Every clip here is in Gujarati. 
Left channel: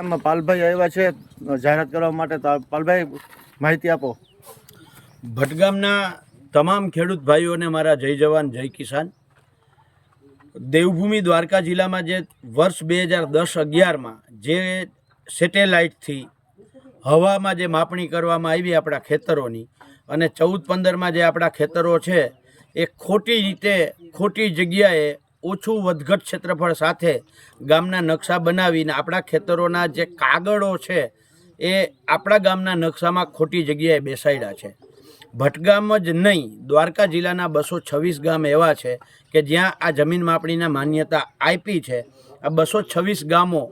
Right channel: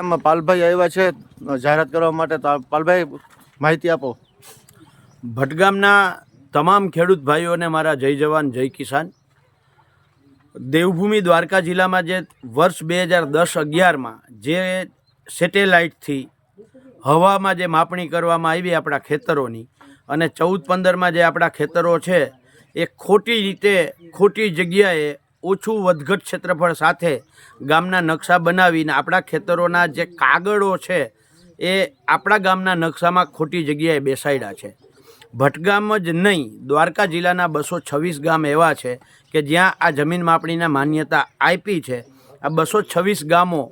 પાલભાઈ આવ્યા છે જાહેરાત કરવા માટે. પાલભાઈ, માહિતી આપો. ભટગામના તમામ ખેડૂત ભાઈઓને મારા જય જવાન, જય કિસાન. દેવભૂમિ દ્વારકા જિલ્લામાં જે વર્ષ બે હજાર દસ અગિયારમાં જે સેટેલાઇટથી હવામાં જે માપણી કરવામાં આવી આપણા ખેતરોની અને ચૌદ પંદરમાં જે આપણા ખેતરો છે, એ ખોટી રીતે, ખોટી જગ્યાએ ઓછું વધઘટ ક્ષેત્રફળ સાથે ગામના નકશા બનાવીને આપણા ખેતરોના જે કાગળો છે, એ આપણા ગામના નકશામાં ખોટી જગ્યાએ બેસાડ્યા છે. ભટગામ જ નહીં, દ્વારકા જિલ્લાના બસો છવ્વીસ ગામ એવા છે કે જ્યાં આ જમીન માપણીના માન્યતા આપી છે. આ બસો છવ્વીસ ગામો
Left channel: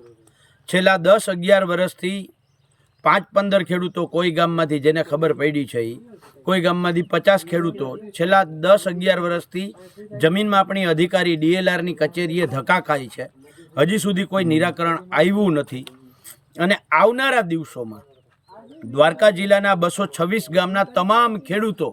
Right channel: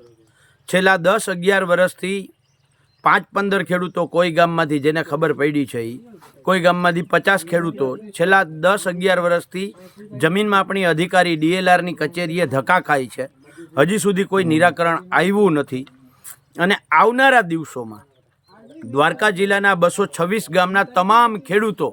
છેલ્લા દસ અગિયાર વર્ષથી પાંચ પંદર ખેડૂતો કોઈ ગામમાંથી, જેને ખબર પડી છે એ કોઈ ગામમાંથી પચાસ ખેડૂતો છેલ્લા દસ અગિયાર વર્ષથી જમીન માપણી અધિકારી ડીએલઆરની કચેરીએ ધક્કા ખાય છે. હજી સુધી કોઈ નિરાકરણ આવ્યું નથી. અને આવનારા દિવસોમાં દ્વારકા જિલ્લાના બસો છવ્વીસ ગામના તમામ ખેડૂતો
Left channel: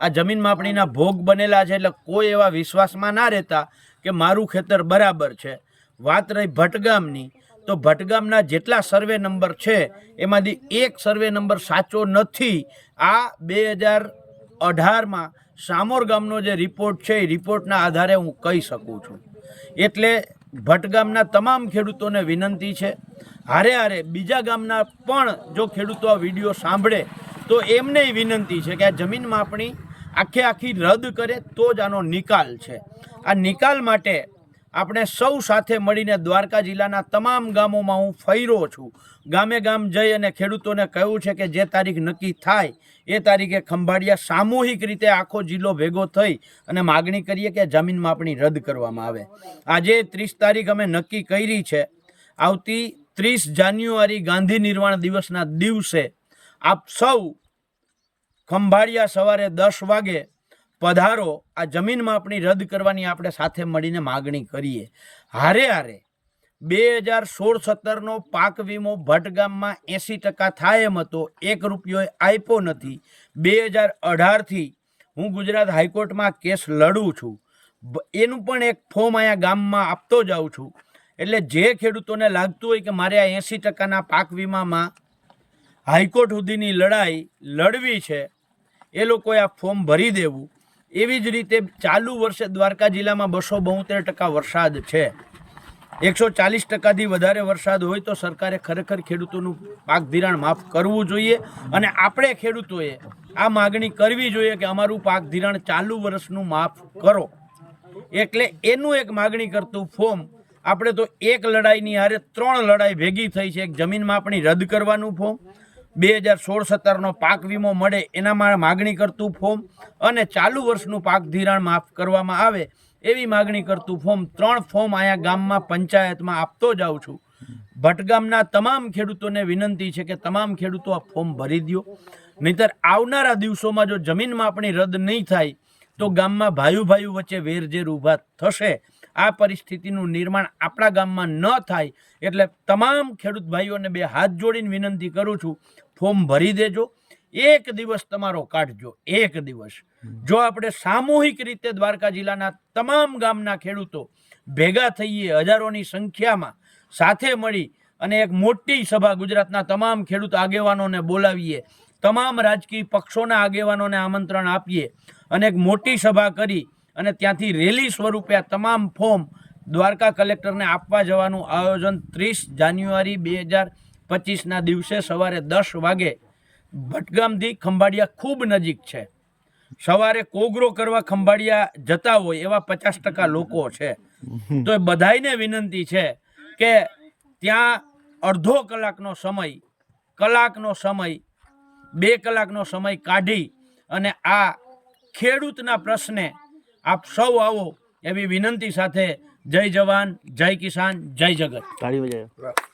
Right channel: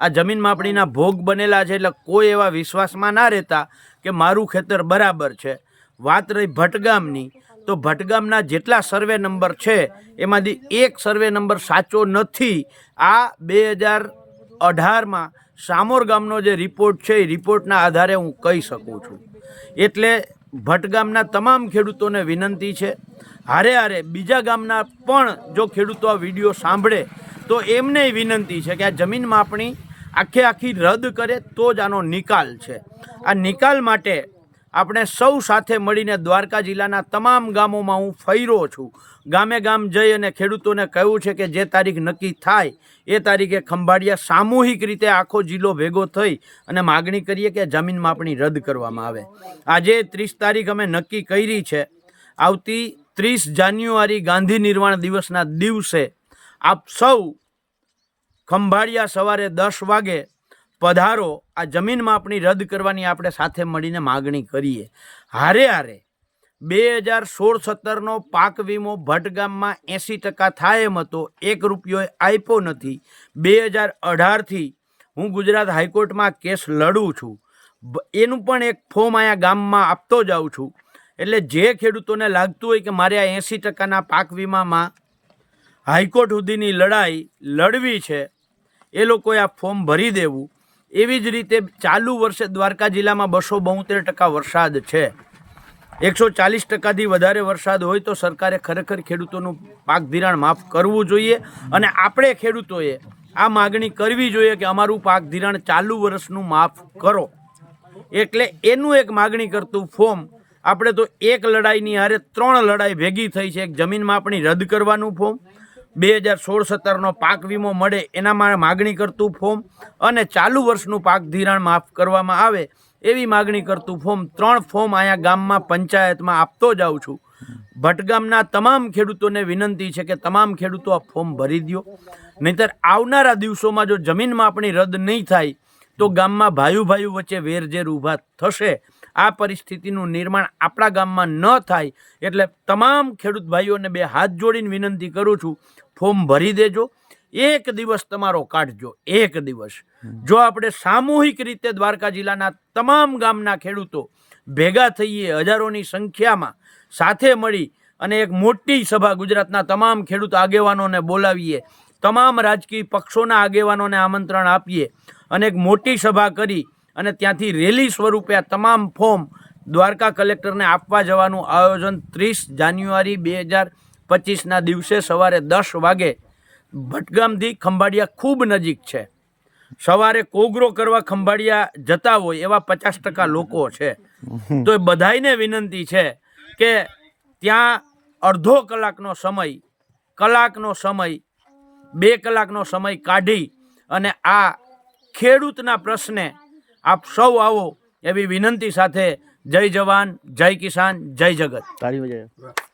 આ જમીન માપણીના ભોગ બનેલા છે એટલે કોઈ એવા વિશ્વાસમાં ના રહેતા કે મારું ખેતર બરાબર છે. વાત રહી ભટગામની તો ભટગામના જેટલા સર્વે નંબર છે, એમાંથી એક સર્વે નંબર સાચો નથી. આ બે હજાર અઢારમાં સામોર ગામનો જે રિપોર્ટ છે, એ રિપોર્ટના આધારે હું કહી શકું છું. એટલે ભટગામના તમામ ખેડૂતોને વિનંતી છે, હારે હારે બીજા ગામના પણ જો ખેડૂતો આ વીડિયો સાંભળે, તો એમને વિનંતી છે કે આ જમીન માપણી આખે આખી રદ કરે તો જ આનો નિકાલ છે. આ નિકાલ માટે આપણે સૌ સાથે મળીને દ્વારકા જિલ્લાના તમામ ગામોમાં હું ફર્યો છું. ગામે ગામ જઈ અને ખેડૂતોને કહ્યું છે કે જે તારીખ નક્કી થાય, એ તારીખે ખંભાળિયા સામૂહિક રીતે આખો જિલ્લો ભેગો થઈ અને માગણી કરીએ કે જમીન માપણી રદ કરવામાં આવે. આજે ત્રીસ તારીખ અમે નક્કી કરી છે. આવતી ત્રીસ જાન્યુઆરી ગાંધી નિર્વાણ દિવસના દિવસે આપ સૌ ખંભાળિયા સવારે દસ વાગે પધારો, આ જમીન માપણી રદ કરવાની આપણે સાથે મળીને માગણી કરીએ. હારે હારે, બે હજાર સોળ સત્તરનો પાક વીમો ભટગામમાં એંસી ટકા થાય એમ હતો, એક રૂપિયો આપ્યો નથી. બે હજાર અઢારથી હું ગુજરાત હાઈકોર્ટમાં કેસ લડું છું. એનું પણ એક ફોર્મ અહીંયા ગામમાં આપતો જાઉં છું. એટલે જે ખેડૂતોને લાગતું હોય કે મારે આ એંસી ટકાના પાક વીમામાં હાઈકોર્ટ સુધીની લડાઈ લડવી છે, એ લોકોએ આ ફોર્મ ભરી દેવું. એવી જ રીતે ચાલુ વર્ષે દ્વારકા જિલ્લામાં બસો બોતેર ટકા વરસાદ છે. એકસો ચાલીસ ટકાથી વધારે વરસાદ હોય તો સરકારે ખરેખર ખેડૂતોનું પાક ધિરાણ માફ કરવું જોઈએ અને આપણે ખેડૂતોએ આ માગણી કરવી જોઈએ કે અમારું પાક ધિરાણ ચાલુ વર્ષનું માફ કરો. એટલે એનું એક માગણી કરતું ફોર્મ, આપણે તો એક લડાઈની હારે ત્રણ લડાઈ ભેગી થઈ છે. એક જમીન માપણી રદ કરવાનું ફોર્મ બે હજાર સોળ સત્તરનો પાક વીમો મળે એનામાં માગણી કરતું ફોર્મ અને ચાલુ વર્ષનું પાક ધિરાણ માફ કરવામાં આવે એવી માગણી કરતું ફોર્મ ત્રણ ફોર્મ અહીંયા ગામમાં પંચાયતમાં આપતો જાઉં છું. ભટગામના તમામ ખેડૂતોને વિનંતી છે કે તમામ ખેડૂતો આ ફોર્મ ભરી દો નહીતર આવનારા દિવસોમાં જો જમીન માપણી રદ નહીં થાય, તો ગામમાં ભાઈઓ ભાઈઓ વચ્ચે વેરઝેર ઊભા થશે. આ પરિસ્થિતિનું નિર્માણ આપણા ગામમાં ન થાય એટલે તમામ ખેડૂત ભાઈઓને બે હાથ જોડીને વિનંતી કરું છું ફોર્મ ભરી દેજો. એક દિવસ તમારો કાઢજો. એક દિવસ. જો આપણે સામૂહિક રીતે દ્વારકા જિલ્લાના તમામ ગામના ખેડૂતો ભેગા થઈએ હજારોની સંખ્યામાં સાથે મળી અને એક મોટી સભા ગુજરાતના તમામ ખેડૂત આગેવાનોને બોલાવીએ તમામ રાજકીય પક્ષોના આગેવાનોને આમંત્રણ આપીએ અને એક મોટી સભા કરી અને ત્યાંથી રેલી સ્વરૂપે આ તમામ ફોર્મ દ્વારકા કલેક્ટરને આપવા જવાનું આયોજન ત્રીસ જાન્યુઆરી બે હજાર પચીસના દિવસે સવારે દસ વાગે ભટગામથી ખંભાળિયા ખૂબ નજીક છે. સવારે કોગરો કરવા ખંભાળિયા જતા હોય એવા પચાસ ટકા લોકો છે. તો એ બધાયને વિનંતી છે કે ત્યાં અડધો કલાકનો સમય કલાકનો સમય, બે કલાકનો સમય કાઢી અને આ ખેડૂતના પ્રશ્ને આપ સૌ આવો એવી વિનંતી સાથે જય જવાન, જય કિસાન, જય જગત. તાળી